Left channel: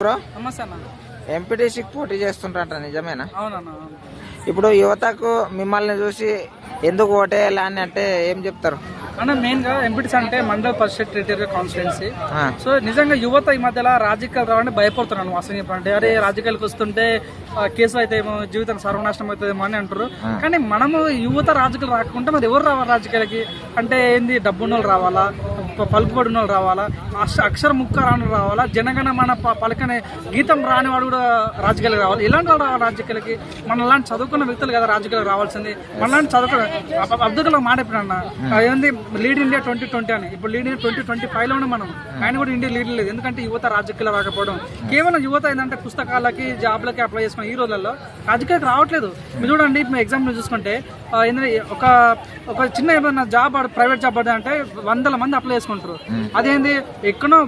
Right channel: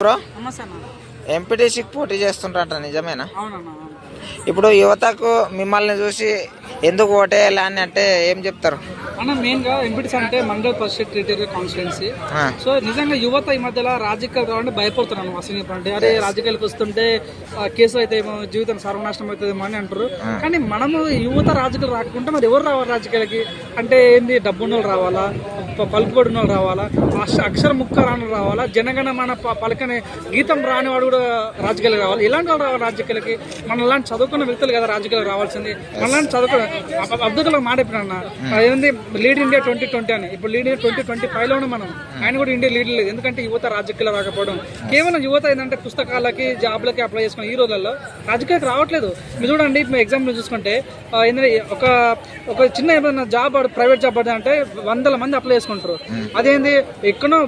Bro? ఎంపీటీసీకి పోటీ చేస్తుంటారట నిజమేనా. ఇప్పుడు యువతకు మిమ్మల్ని చూసి ఎందుకు ఓటేయాలి అని అంటే ఏం చెప్తారు? అన్న మెయిన్గా ఎంపీటీస్ అంటే మండల పరిషత్ టెరిటరీ కాన్స్టిట్యున్సీ సో నిజంగా యువత ఈ మధ్యలో రాజకీయాలు రావాలంటే భయపడుతున్నాను అసలు చెప్పండి అరే రాజకీయాలకు వస్తుంటే కేసు అయితే ఏమో జీవితం సర్వనాశనం అవుతుందేమో అని అంటారు. కానీ మనము యువత రాజకీయాలు రాకుంటే మరి ఎవరు రావాలి రాజకీయాలకి? అంటే ఏంది డబ్బున్నోళ్ళు రావాలా? పలుకుబడిన వాళ్ళు రావాలా? అక్ష- అక్షర ముక్క రాని రావాలా? జనగణ మన పలకనే గీతం రాని వాడు కూడా రాజకీయాలకు రావాలి. ఇలాంటి వాళ్ళు రావాలి రాజకీయాలకి. మన లాంటి చదువుకున్న వ్యక్తులు కదా రాజకీయాలకు రావాల్సింది. మన లాంటి చదువుకున్న అబ్- అబ్దుల్ కలాం మాట చెప్పిన ఏంది లీడ్ ఇండియా ట్వంటీ ట్వంటీ అని. ఇప్పుడు లీడ్ ఇండియా ట్వంటీ ట్వంటీ ఫైవ్లోనే మనం. ఆయన కూడా ఇండియా లీడ్ లేదు. ఎందుకంటే యువత రాజకీయాలు రాకపోవడం. కేవలం యువత ఏంటంటే పుస్తకాలకి జాబ్లకి అప్లై చేసుకుని ఈ రోజుల్లో రాజకీయాలకు రావట్లేదు. మీరు చూడండి ఇప్పుడు ఎగ్జాంపుల్ చూసుకుంటే ఏంటంటే ఒక ఒక చిన్న ఏదైనా జాబ్ ప్రైవేట్ జాబ్ పడితే అంటే వందల మంది అప్లై చేసుకుంటారు. అదేంది ఎక్కడో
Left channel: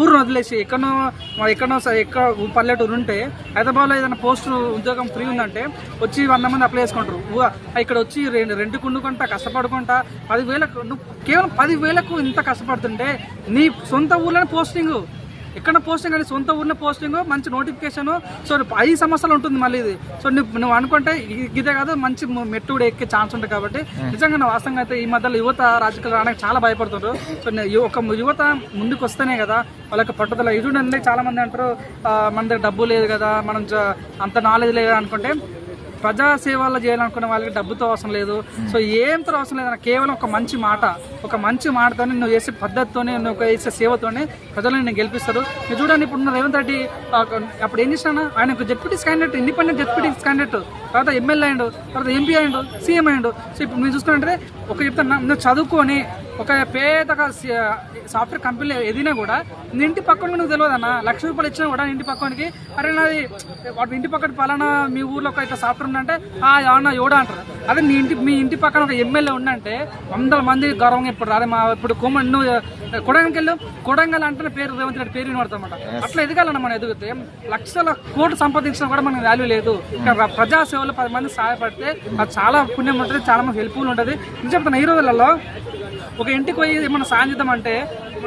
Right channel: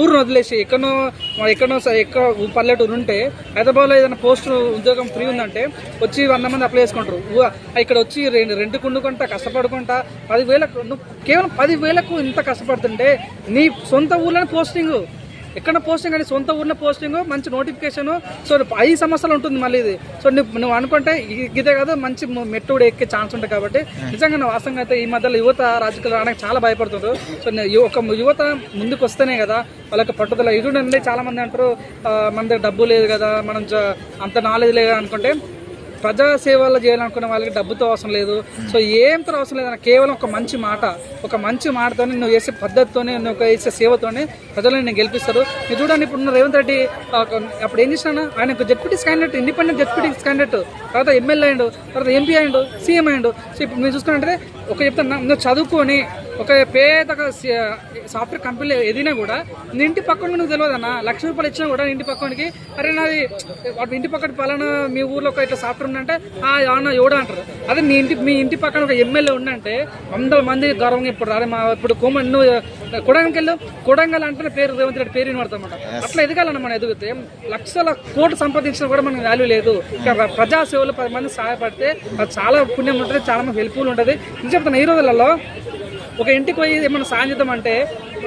ఊరు వదిలేసి ఎక్కడో మా ఎక్కడో ఎక్కడ పల్లెటూరు ఉంటే హైదరాబాద్లో ఏదైనా పోస్ట్ ఉద్యోగం ఫ్రీ ఉందంటే వచ్చి వంద మంది అప్లై చేసుకుంటారు. ఇక్కడ వచ్చి రెండు రెంట్ కుండుకుంటా కష్టపడుకుంటా పదివేలకు నువ్వు కేవలం పదివేలకు ఇంత కష్టపడుతుంటే నీ సొంత ఊర్లోనే పోస్టింగ్. ఎక్కడ పోస్టింగ్ అని సొంత ఊర్లో పోస్టింగ్ మంచి నోటిఫికేషన్ సో ఐదు సంవత్సరాలు ఉంటుంది మళ్ళీ ఇది. సో నువ్వు నువ్వు అనుకుంటే ఇదే కాదు మంచి మెట్టు కూడా ఎక్కే ఛాన్స్ ఉంటుంది కాబట్టి. నిజంగా నా వాస్తవంగా అయితే ఈ మధ్యలో యువత రాజకీయాలు రావడానికి చాలా భయపడుతుంటారు సో ఒక యువత ముందుకు వస్తేనే కదా వాళ్ళకి పట్టుదల. ఇది చాలా మంది అంటారు మన దగ్గర డబ్బు లేదు కదా మనం అంత నాలెడ్జ్ లేదు అనుకుంటే ప్రజాసేవల్లో చేయాలనుకునే వాళ్ళకి డబ్బుతో అవసరం లేదు. సో ఏంతో అవసరం లేదు కేవలం ఒక మంచి మాట. ఒక మంచి మాటతోనే నువ్వు చేసే పద్ధతితోనే నువ్వు చేసే సేవతోనే ప్రజలను నేను గెలిపిస్తారు. మీరు చూడండి ఇప్పుడు ఉన్న రేవంత్ రెడ్డి అప్పుడు ఏం చేసినా ఆయన ఒక ZPT candidate independent deputies candidate తర్వాత ఎమ్మెల్యే అయ్యాడు తర్వాత ఎంపీ అయ్యాడు సీఎం అయ్యాడు. సో ఇప్పుడు మీరు చూసుకుంటే ఒక చెప్తాను నువ్వు చదువుకొని ఒక పేద సాఫ్ట్వేర్ కంపెనీలో ఏదైనా కూడా నీ ఇంటి పక్కన నువ్వు తెలియదన్నా లక్ష రూపాయలు ఇచ్చినా కూడా ఇంటి పక్కనకి అరే నాది వాటి ఇంటి పక్కన పలానా మీ ఊర్లో ఒక ఇట్లా సాఫ్ట్వేర్ ఉందంటే ఆ ఎవరన్నా ఎవడా అంటారు? అదే మీ ఇంటి మీ ఇంటి పక్కన ఒక ఎమ్మెల్యే ఉందంటే వందల మంది గౌరవంగా ఇప్పుడు అదే మా ఇప్పుడు కోమన్ నువ్వు కొడంగల్ కొడంగల్ అంటే పేరు రేవంత్ రెడ్డి పేరు వినబడతామాట అట్లా ఎదగాలన్న మనం ఎదిగితే లక్షల కోట్లు సంపాదించినా కూడా మనకు వాల్యూ లేదు. ఇక్కడ ప్రజా సేవలు పది మంది సహాయపడితే అది చాలా పుణ్యం ఉంటుంది చాలా మంది హెల్ప్ఫుల్ ఉంటుంది. నేను చెప్తాను ఈ రోజులలో ఒక ఇంటికి పోయి ఏమైనా సాయం అంటే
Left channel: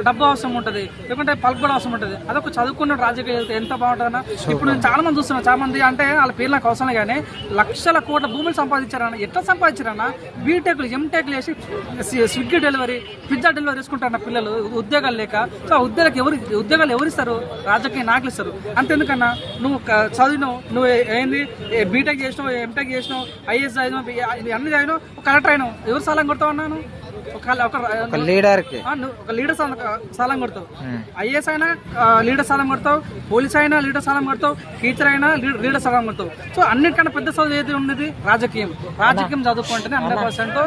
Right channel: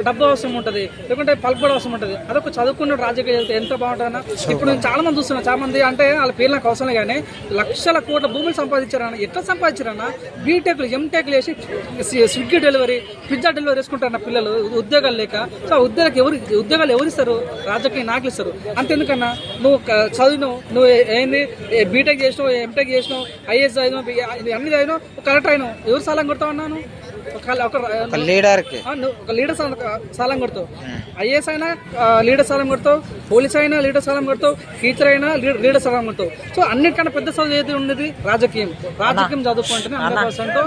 డబ్బు అవసరం ఉంటుంది లేకుంటే పలుకుబడి అవసరం ఉంటుంది. అదొక చదువుకున్న రాజకీయ ఎంత బాగుంటుందన్నా? ఇప్పుడు నేను చాలా మంది చూస్తున్నాను చాలా మంది అంటే వాళ్ళ పేరు నాకు అవసరం కానీ లక్షల కోట్ల భూములు సంపాదించారన్న ఎట్లా సంపాదించారన్న? బీటెక్లు ఎంటెక్లు వేసి స్విగ్గీ డెలివరీ పిజ్జా డెలివరీ వేసుకుంటారన్న పిల్లలు ఉద్యోగాలు లేక. సో ఆ ఉద్యోగాలు ఎవరు ఉద్యోగాలు ఎవరు ఇస్తారు? రాజకీయ నాయకులు ఇస్తారు. అంతెందుకన్నా? నువ్వు చదివినావు నువ్వు ఏంది? బీటెక్ చేసినావు ఎంటెక్ చేసినావు ఐఏఎస్ చదివినావు అన్ని చదివినావు ఒక కలెక్టర్ అయినావు. ఎవరు సలం కొడతావు అన్నాను ఒక లీడర్కి. ఒక లీడర్ సాలం కొడతావు. ఐఏఎస్ అయినా లీడర్ సాలం కొడతావు. పోలీస్ అయినా లీడర్ సాలం కొడతావు. టీచర్ అయినా లీడర్ సాలం కొడతావు. సో అన్నిటికన్నా పెద్ద చదువు ఏది ఉన్నది? రాజకీయం. రాజకీయం చదువుకుంటేనే హండ్రెడ్ పర్సెంట్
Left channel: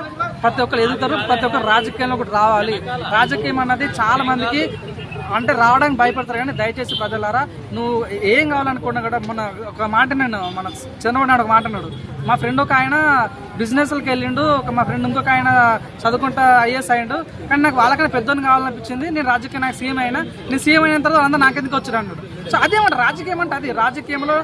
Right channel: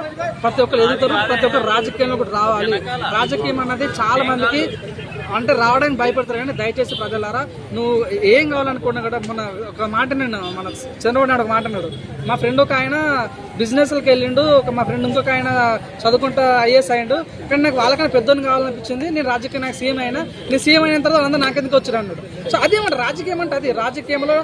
ప్రతి ఒక్కరు ఎదుగుతారు ప్రతి ఒక్కరు రాజకీయంలో కూడా రావాలి. రాజకీయం అన్నది చాలా మందికి అంటే రావడానికి భయపడతారు కానీ దయచేసి ప్రజలారా నువ్వు ఏం కావాలనుకున్నా కూడా మన ఒక మాట నేను మన చంద్రబాబు నాయుడు ఒక మాట అన్నాడు. మా ఫ్రెండ్ ఒక ఆయన బిజినెస్లకు వెళ్ళిండు ఒక మా ఫ్రెండ్ ఇంకొక ఆయన చదువుకుంటా ఐఏఎస్ అయ్యిండు. కానీ నాకు వాళ్ళకన్నా పెద్దోని కావాలనిపించింది నేను రాజకీయ నాకు సీఎం అయినా నేను సీఎం అయిన తర్వాత అందరూ నాకెందుకు వచ్చారు అన్నాడు. సో అదేమంటే రాజకీయం అంటే అది. రాజకీయంలో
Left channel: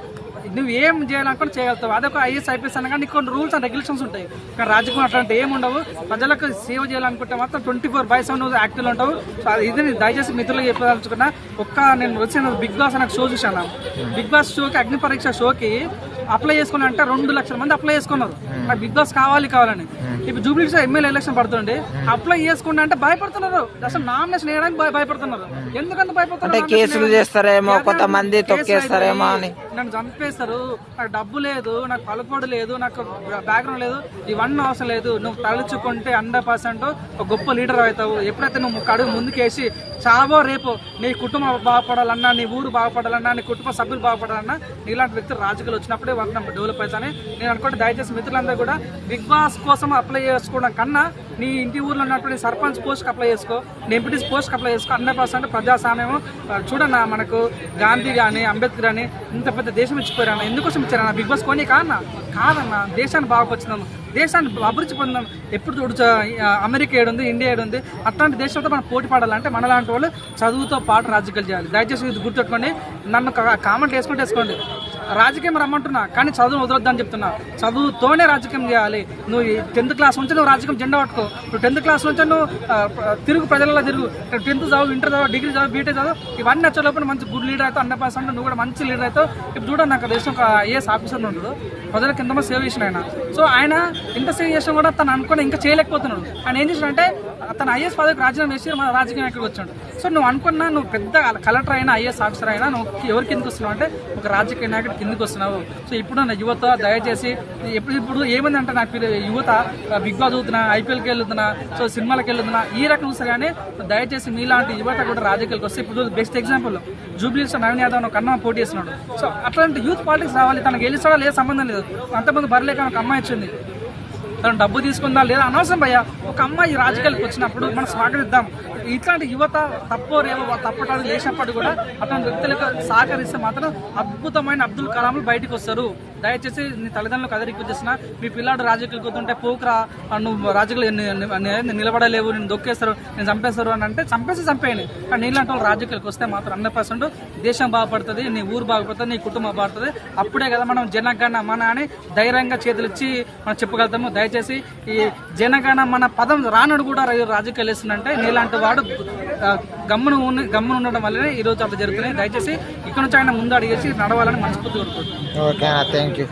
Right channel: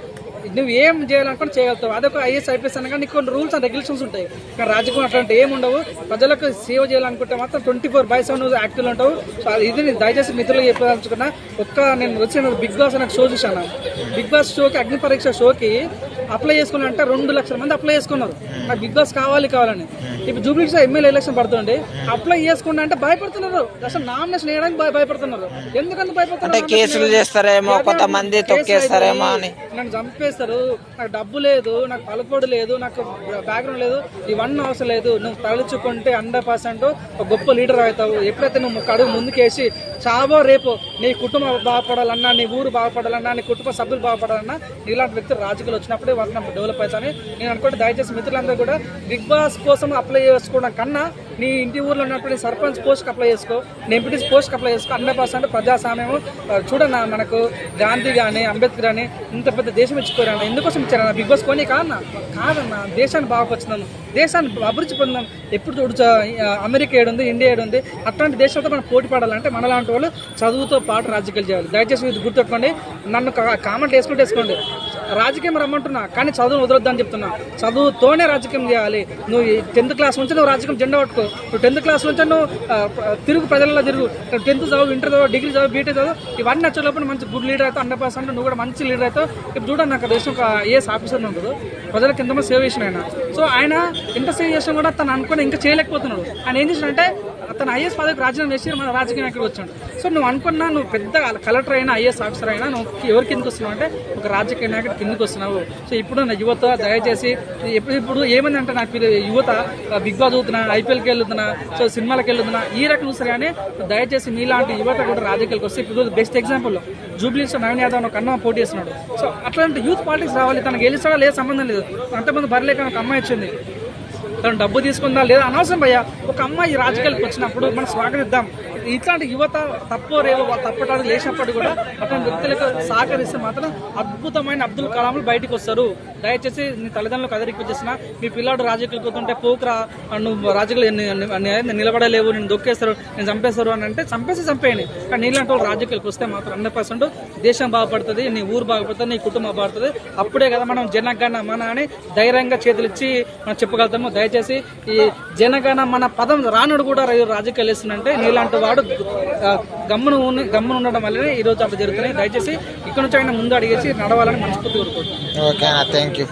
నువ్వు ఏం చేయాలనుకుని చేయగలుగుతావు. అదొక ఐఎస్ ఐపీఎస్ అనగా నీకు కొన్ని రూల్స్ అండ్ రెగ్యులేషన్స్ ఉంటాయి. కానీ రాజకీయం అట్లాంటి ఏం ఉండవు. ప్రజలకు సేవ చేయాలనుకుంటే మాత్రం ట్వంటీ ఫోర్ బై సెవెన్ యాక్టివ్లో ఉంటావు. సో అది ఇది నేను దయచేసి మిత్రులకు చెప్పదలుచుకున్నా. ఒక్క నేను వచ్చిన బిగ్ బాస్ అనే షో చూశాను. బిగ్ బాస్ షోకి అగ్ని పరీక్ష షోకి అప్లై చేసుకున్నా అంటే రెండు లక్షల మంది అప్లై చేసుకున్నారు. నాకు బిగ్ బాస్ కావాలి కావాలని. ఇప్పుడు జూబ్లీస్ ఎమ్మెల్యే ఎలక్షన్ పడుతుంది అప్లై చేసుకుంటా అంటే భయపడుతున్నారు. అసలు నామినేషన్ వేయడానికి భయ- భయపడుతున్నారు. ఎందుకంత అంటే భయపడుతున్నారు కేసులు చేస్తారేమో కొంతమంది తొక్కేస్తారేమో అని. నన్ను చేస్తారు. నాకు డబ్బు లేదు నాకు పలుకోడు లేదు నాకు బ్యాక్గ్రౌండ్ లేదు ఇవన్నీ అవసరం లేదు. నువ్వు తలుచుకుంటే హండ్రెడ్ పర్సెంట్ ఒక గొప్ప లీడర్ అవుతావు. ఎప్పుడైతే నువ్వు కడుగు అడుగు ముందుకేసి చావో రేపు నీ కుటుంబం బాగుపడాలన్నా నీ ఊరు బాగుపడాలన్నా నీ కుటుంబ సభ్యులు బాగుపడాలన్నా నీలాంటి వ్యక్తులు రాజకీయాలు వచ్చినప్పుడే వాళ్ళని డెవలప్ అవుతాయని నేను అనుకుంటే దయచేసి మిత్రులందరూ కూడా బిగ్ బాస్ కోసం అప్లై చేసుకోవడం కన్నా నీ ఇంటి ఊర్లో ఉన్నటువంటి సర్పంచ్ పోస్ట్కి అప్లై చేసుకో నీ ఎంపీటీస్ పోస్ట్కి అప్లై చేసుకో. హండ్రెడ్ పర్సెంట్ ప్రజాస్వామ్యం చూడన్నా మనకు గాంధీ కానీ అంబేద్కర్ కానీ ఇంత పెద్ద దేశం ఇచ్చిపోయారన్న ఎందుకోసం ఇచ్చారన్న బిగ్ బాస్ కొని కాదన్నా? కాదన్నా. దేశాన్ని బాగుపరుచుదాం దేశాన్ని అభివృద్ధి పొందాం. ఎప్పుడు చూడు అమెరికా ఏడుంది ఇండియా ఏడుంది అట్లాంటి దేశంతో మనం పోటీ పడాలంటే మనలాంటి వాళ్ళు చదువుతో పాటు రాజకీయాలు చేయాలి. దయచేసి ఇది గుర్తుపెట్టుకోండి నన్ను కామెంట్ వేసుకుంటే వేసుకోండి. రాజకీయం రమ్మంటున్నా కానీ చదువును వదలొద్దని చెప్తున్నా. చదువుతోనే రాజకీయం చేయాలి. నువ్వు టెన్త్ క్లాస్ నుంచి నువ్వు రాజకీయం జెండా పట్టుకో. నువ్వు టెన్త్ క్లాస్ నుంచి నువ్వు తిరుగు ప్రజలలో తిరుగు. టెన్త్ చదువు ఇంటర్ చదువు డిగ్రీ చదువు బీటెక్ చదువు ఇవన్నీ వచ్చేటప్పుడు మంచి గుడ్ లీడర్ అవుతావు హండ్రెడ్ పర్సెంట్ నువ్వు కూడా మంచి లీడర్ అవుతావు. ఇప్పుడు చూడండి నాకు దేశం ఒక ఐఏఎస్ ఆఫీసర్ ఉండదు ప్రజలకు ఎంతమంది సేవ చేసిన ఆయన. సో ఆయన ఎంత సేవ చేసినా కూడా తను అనుకుని ఇంకా చేయలేకపోతున్నాడు. ఆయన ఏం చేసినంటే తన ఐఏఎస్ పదవికి రాజీనామా చేసి మన రాజకీయ నాయకుడు వచ్చాడు. సో నువ్వు అనుకున్నా నువ్వు పెద్ద కలెక్టర్ అయినా ఐఏఎస్ ఆఫీసర్ అయినా నువ్వు ఎవరికి ఎందుకు వస్తున్నావు అంటే ఒక రాజకీయ నాయకుడు కిందకి వస్తున్నావు. సో ఇప్పుడు నా యువత దయచేసి ఇప్పుడు ఏమైంది ఏమైందంటే నాకు యువత బిగ్ బాస్ చదువుతున్నా ఐపీఎల్కి వెళ్తున్నా సో సినిమాలకు వెళ్తున్నా ఈ రకం కానీ దయచేసి మీలాంటి యువత కూడా రాజకీయాలకు వస్తే ఇప్పుడు బెస్ట్ ఎగ్జాంపుల్ జూబ్లీస్ నవీన్ యాదవ్ ఒక అన్న పోటీ చేస్తున్నాడు. సో అట్లాంటి యూత్ పాలిటిక్స్ రావాలి. తనకు గెలిచాడా లేదు సంబంధం లేదు. అంతమంది బరలేక ఒక అమ్మాయి వచ్చింది. తను డబ్బు తీసుకుందా లేదా? అనవసరం భయ్యా. ఒక అమ్మాయి రాజకీయాలకు వచ్చినప్పుడు మనం స్వాగతిద్దాం. ఇట్లాంటి యువత తప్పో రేవో తప్పటాలు లేచినప్పటికీ కూడా అటువంటి వ్యక్తులకు సహకరిస్తే మాత్రం అద్భుతమైన అబ్దుల్ కలాంలు బయటకు వస్తారు. దయచేసి నీ తల్లిదండ్రులకు అదరికి వచ్చేసిన మీ పిల్లాడు రాజకీయాలకు కూతుంటే పోకరా నువ్వు రాజకీయాలు ఎన్ని- నిలబడలేవు నేను దొక్కేస్తారు నేను చంపేస్తారు అని అంటే చంపేసి చంపేయండి. కానీ నీళ్ళంటే వాళ్ళు రాజకీయాలకు వస్తే మాత్రం హండ్రెడ్ పర్సెంట్ దేశం బాగుపడుతుంది నీ ఊరు బాగుపడుతుంది నీ కుటుంబం బాగుపడుతుంది. అప్పుడే కదా మనం జనగణ మన అని ధైర్యంగా చేతులు ఇచ్చి మనం చెప్పగలుగుతాము. దయచేసి ఈ జనగణ మన పదం రానుడు కూడా రాజకీయాలు వేస్తుందంటే నీలాంటి వాడు ఆ, గమ్మున ఉన్న గమ్మున ఉండడం వల్లనే ఈ రోజు అట్లా జరుగుతున్నాయి. దయచేసి ఇక్కడ నుంచి ఆయన ముందు అడిగేసి నడవాలని మనస్ఫూర్తి కోరుకుంటున్నాను. Okay thank you